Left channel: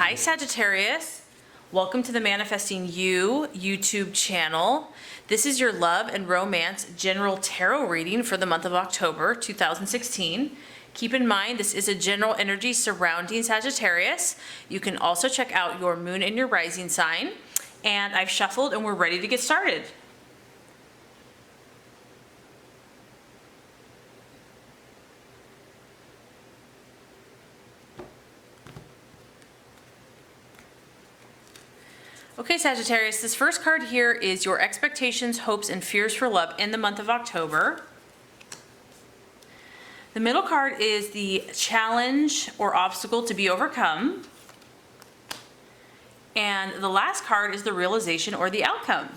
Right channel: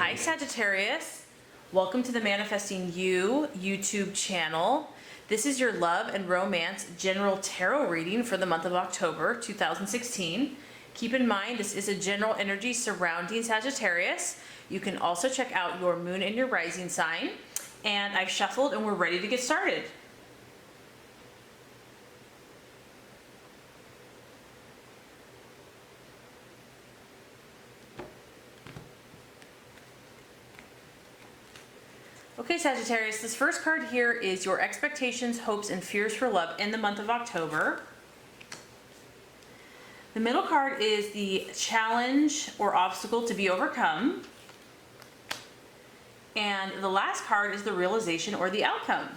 Hi Sagittarius, welcome to the Manifesting You YouTube channel. This is your love and romance general tarot reading for the month of October 2016. Keep in mind this is a general energy surrounding Sagittarius. You can also check out your moon and your rising sign. And I've shuffled and we're ready to get started. Okay, Sagittarius, this first card here is your expectations, hopes, and fears for love in the month of October. The middle card is the challenge or obstacle to be overcome. And the last card is the realization or the outcome.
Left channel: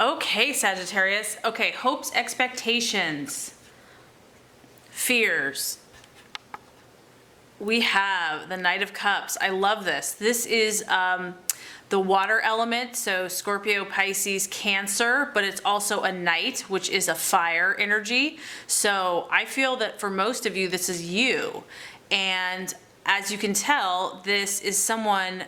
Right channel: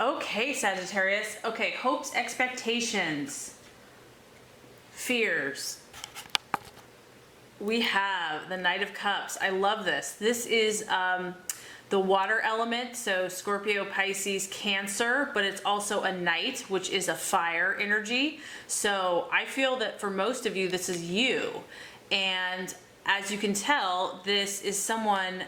Okay, Sagittarius. Okay, hopes, expectations, fears. We have the Knight of Cups. I love this. This is the water element, so Scorpio, Pisces, Cancer, but it's also a Knight, which is a fire energy. So I feel that for most of you, this is you. And as you can tell, this is someone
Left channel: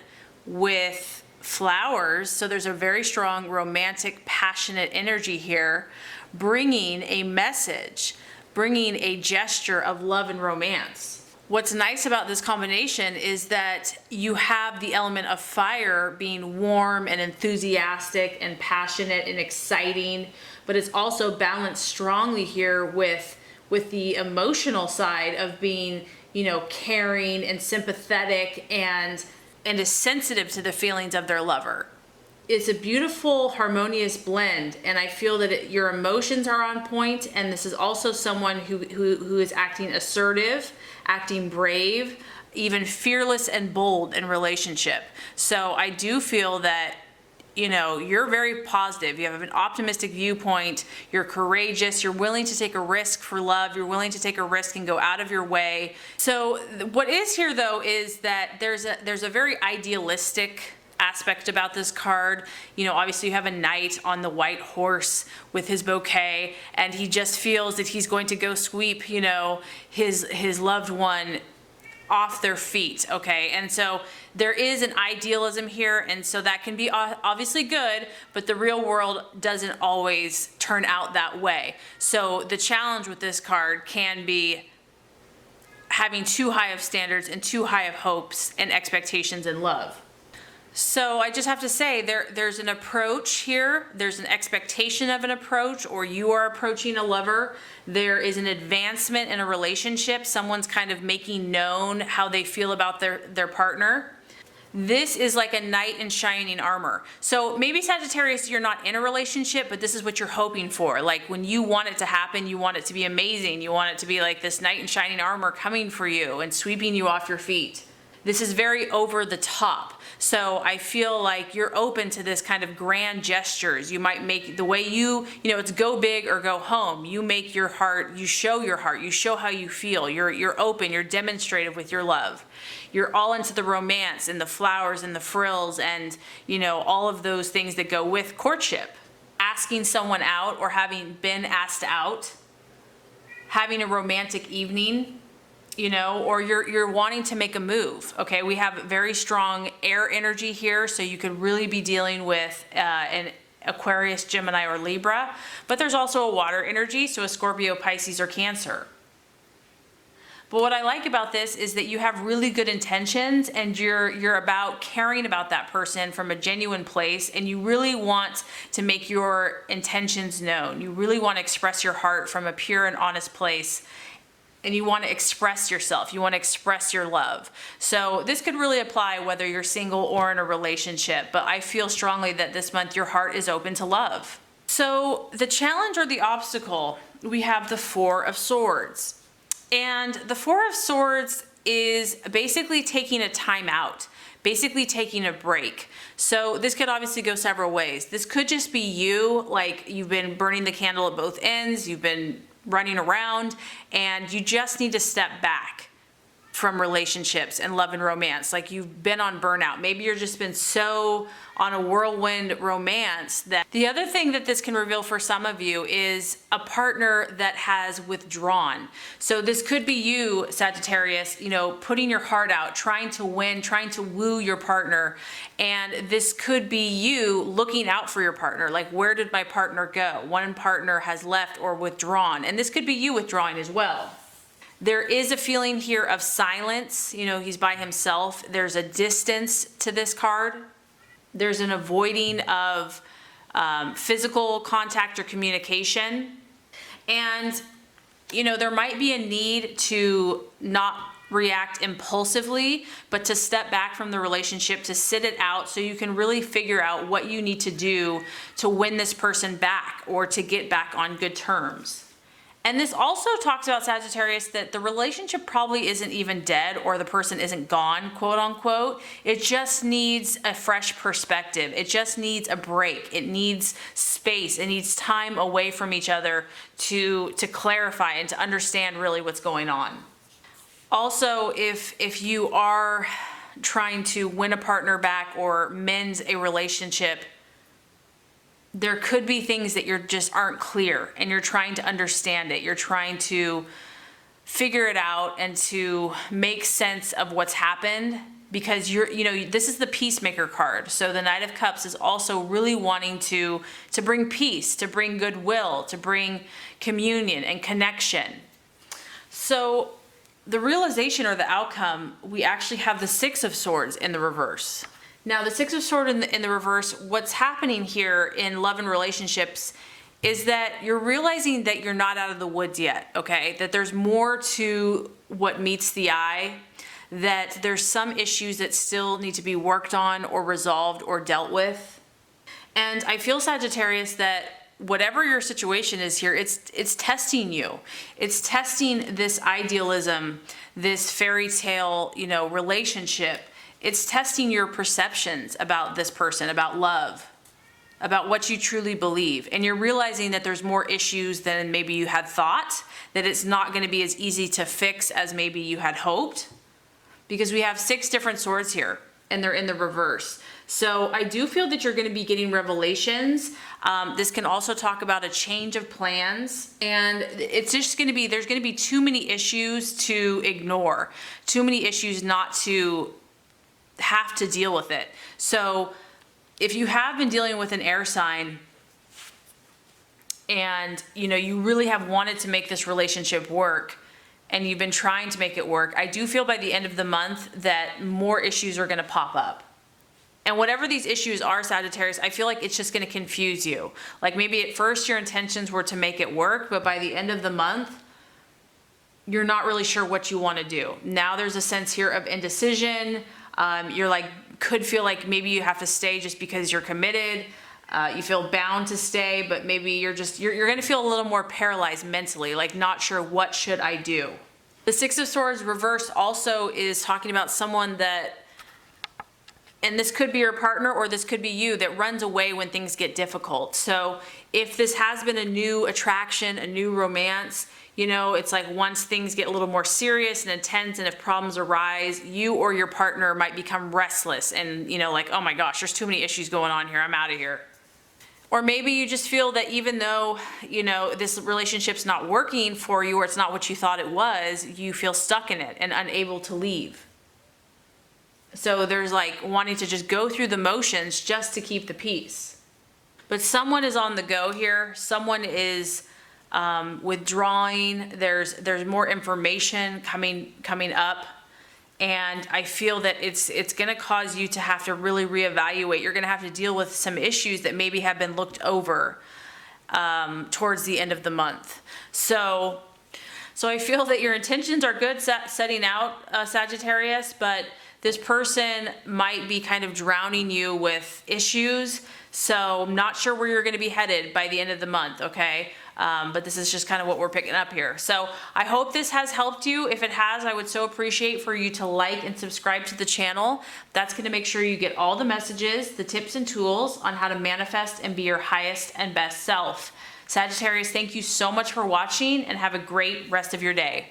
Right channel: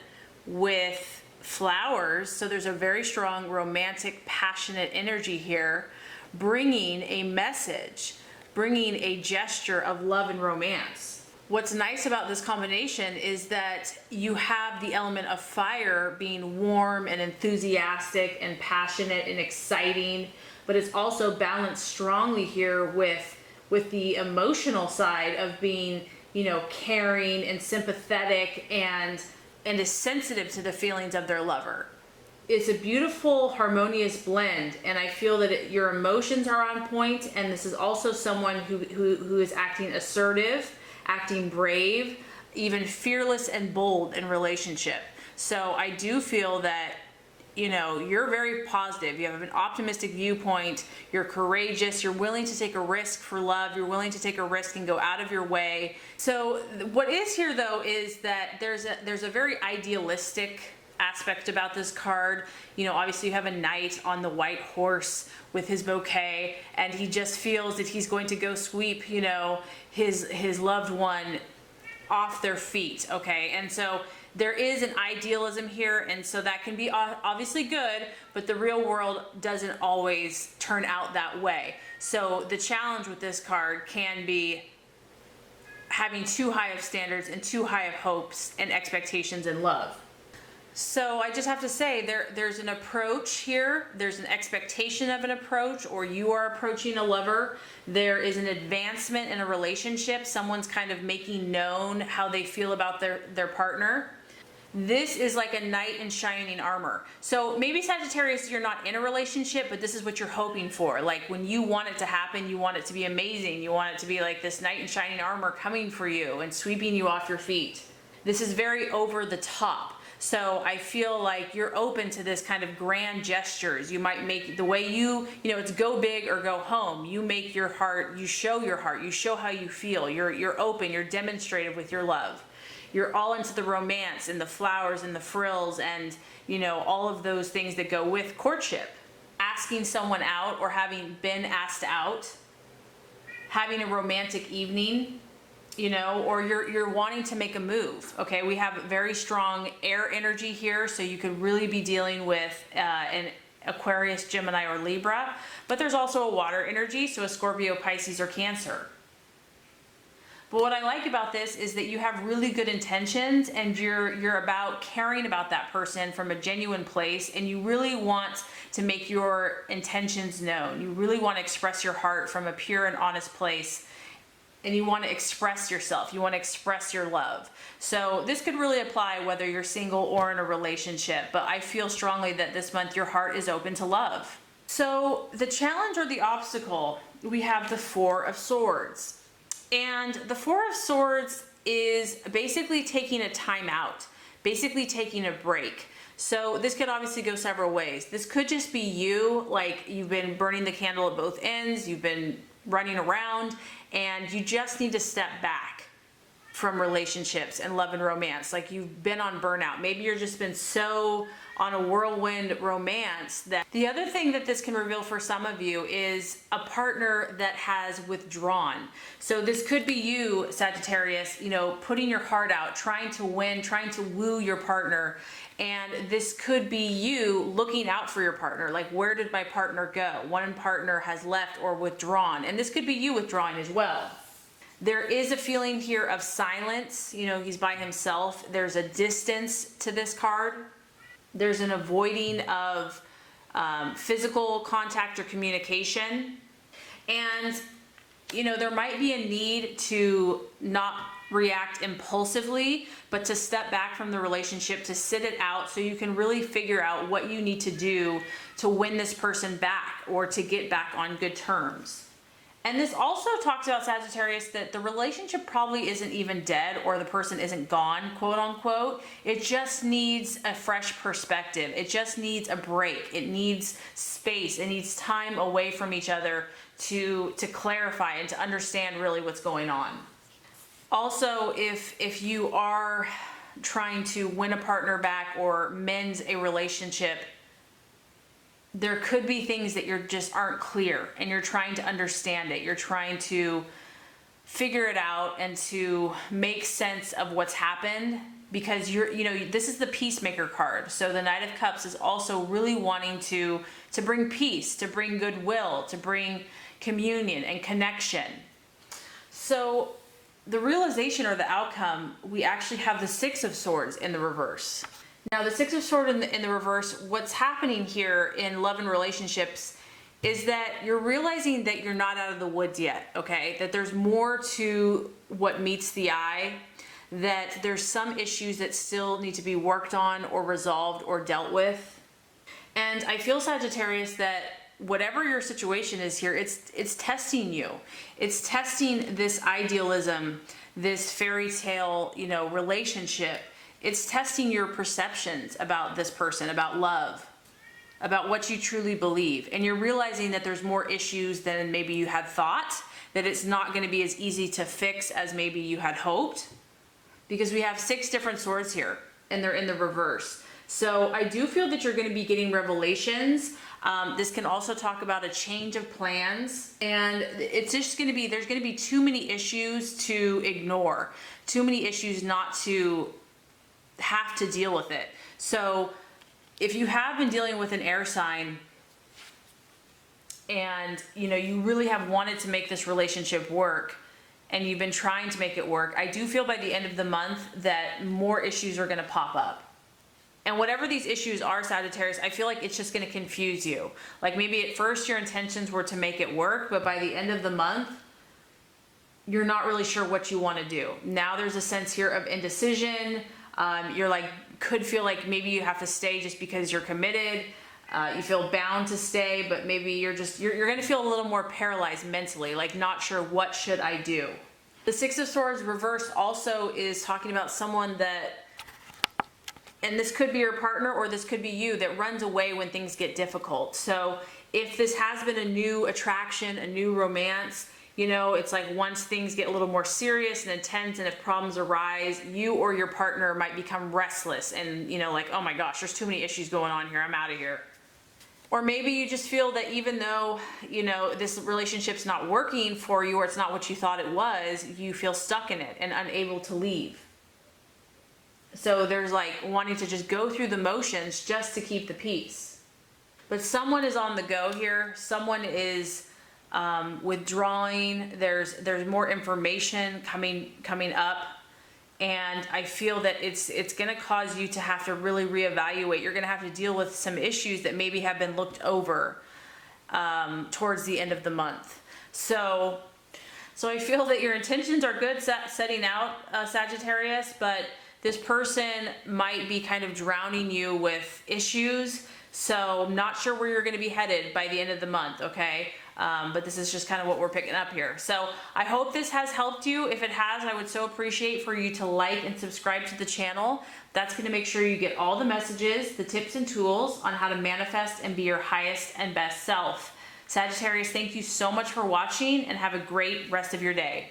with flowers. So there's a very strong romantic, passionate energy here, bringing a message, bringing a gesture of love and romance. What's nice about this combination is that you have the element of fire being warm and enthusiastic and passionate and exciting, but it's also balanced strongly here with the emotional side of being, you know, caring and sympathetic and is sensitive to the feelings of their lover. It's a beautiful, harmonious blend, and I feel that your emotions are on point, and this is also someone who is acting assertive, acting brave, even fearless and bold in relationship. So I do feel that, you know, you're very positive. You have an optimistic viewpoint. You're courageous. You're willing to take a risk for love. You're willing to take a risk and go out of your way. So what is here though is that there's a very idealistic aspect about this card. You know, obviously you have a knight on the white horse with his bouquet, and he just feels that he's going to go sweep, you know, his loved one off their feet. Okay, and so there is an idealism here, and so that can be obviously good, but the real world doesn't always turn out that way. So the challenge with this card can be having too high of standards and too high of hopes and expectations in love. So I just have to say there's an approach here. There's an expectation of an approach, or you are approaching a lover. There is an advancement in a relationship. Someone's kind of making known how they feel about their partner. This is like a knight in shining armor. So maybe Sagittarius, you're not in a relationship, but this is what you're hoping for. Like when you want it to happen, you want it to be amazing. You want it to be like this knight in shining armor coming for you and sweeping you off your feet. This is very over the top. So I feel like you're open to this kind of grand gestures. You might make the way you know, it's go big or go home. You make your heart, you show how you feel. You're open, you're demonstrative with your love. You're all into the romance and the flowers and the frills and, you know, all of those things that go with courtship. Asking someone out or having been asked out, having a romantic evening, you know, or you're wanting to make a move. Okay, we have very strong air energy here, so you could really be dealing with an Aquarius, Gemini, or Libra, but there's also a water energy, so a Scorpio, Pisces, or Cancer. But what I like about this is that you have really good intentions, and you're about caring about that person from a genuine place, and you really want to make your intentions known. You really want to express your heart from a pure and honest place. And you want to express yourself. You want to express your love. So this could really apply whether you're single or in a relationship. But I feel strongly that this month your heart is open to love. So the challenge or the obstacle, we have the Four of Swords. And the Four of Swords is basically taking a time out, basically taking a break. So this could obviously go several ways. This could just be you, like you've been burning the candle at both ends. You've been running around and you just need to step back from relationships and love and romance. Like you've been on burnout. Maybe you've just been so on a whirlwind romance. That the other thing that this can reveal for some of you is a partner that has withdrawn. So this could be you, Sagittarius, you know, putting your heart out, trying to win, trying to woo your partner. And this could be you looking out for your partner. Like, where did my partner go? One partner has left or withdrawn. And this could be you withdrawing as well. There is a feeling here of silence. You know, he's by himself. There's a distance to this card. There's an avoiding of physical contact or communication. And, you know, there might be a need to not react impulsively, but to step back from the relationship, to sit it out so you can really figure out what you need to do to win this person back or to get back on good terms. And this also talks about, Sagittarius, that the relationship probably isn't even dead or the person isn't gone, quote unquote. It just needs a fresh perspective. It just needs a break. It needs space. It needs time away from each other to clarify and to understand really what's going on. Also, if you are trying to win a partner back or mend a relationship, there could be things that you're just aren't clear and you're trying to understand it. You're trying to figure it out and to make sense of what's happened, because you know, this is the peacemaker card. So the Knight of Cups is also really wanting to bring peace, to bring goodwill, to bring communion and connection. So the realization or the outcome, we actually have the Six of Swords in the reverse. Now, the Six of Swords in the reverse, what's happening here in love and relationships is that you're realizing that you're not out of the woods yet, okay? That there's more to what meets the eye, that there's some issues that still need to be worked on or resolved or dealt with. And I feel, Sagittarius, that whatever your situation is here, it's testing you. It's testing this idealism, this fairy tale, you know, relationship. It's testing your perceptions about this person, about love, about what you truly believe. And you're realizing that there's more issues than maybe you had thought, that it's not going to be as easy to fix as maybe you had hoped, because we have 6 different swords here and they're in the reverse. So I do feel that you're going to be getting revelations. This can also talk about a change of plans, and it's just going to be, there's going to be too many issues to ignore, too many issues not to have to deal with it. So if you have been dealing with an air sign and you know you really have wanted to make this relationship work and you've been trying to make it work, I do feel by the end of the month that more issues are going to pop up. And whatever these issues are, Sagittarius, I feel like it's just going to confuse you. Like, maybe at first your intentions were to make it work, but by the end of the month you're not really sure what you want to do. Now there's a sense here of indecision. You're like, could feel like maybe you have to stay just because you're committed. You feel bound to stay, but maybe you're going to feel a little more paralyzed mentally, like not sure what should I do. The Six of Swords reversed also is talking about someone that, and this could be your partner or this could be you, that runs away when things get difficult. So if this has been a new attraction, a new romance, you know, it's like once things get a little more serious and intense and if problems arise, you or your partner might become restless and, you know, like, oh my gosh, there's too many issues going on here, I'm out of here. Or maybe you just feel that even though, you know, this relationship's not working for you or it's not what you thought it was, you feel stuck in it and unable to leave. So there's like wanting to just go through the motions just to keep the peace. But someone is on the go here. Someone is withdrawing. There's more information coming up, and I feel that it's going to cause you to have to really reevaluate. You're going to have to deal with some issues that maybe have been looked over towards the end of the month. So I feel that your intentions are good, setting out, Sagittarius, but this person might be kind of drowning you with issues. So I'm not sure where you're going to be headed by the end of the month, okay? But this is just kind of what we're picking up here. So I hope this has helped you. If it has, I would so appreciate for you to like and subscribe to the channel. That's going to make sure you get all the messages, the tips and tools on how to manifest and be your highest and best self. Sagittarius, thank you so much for watching and have a great rest of your day.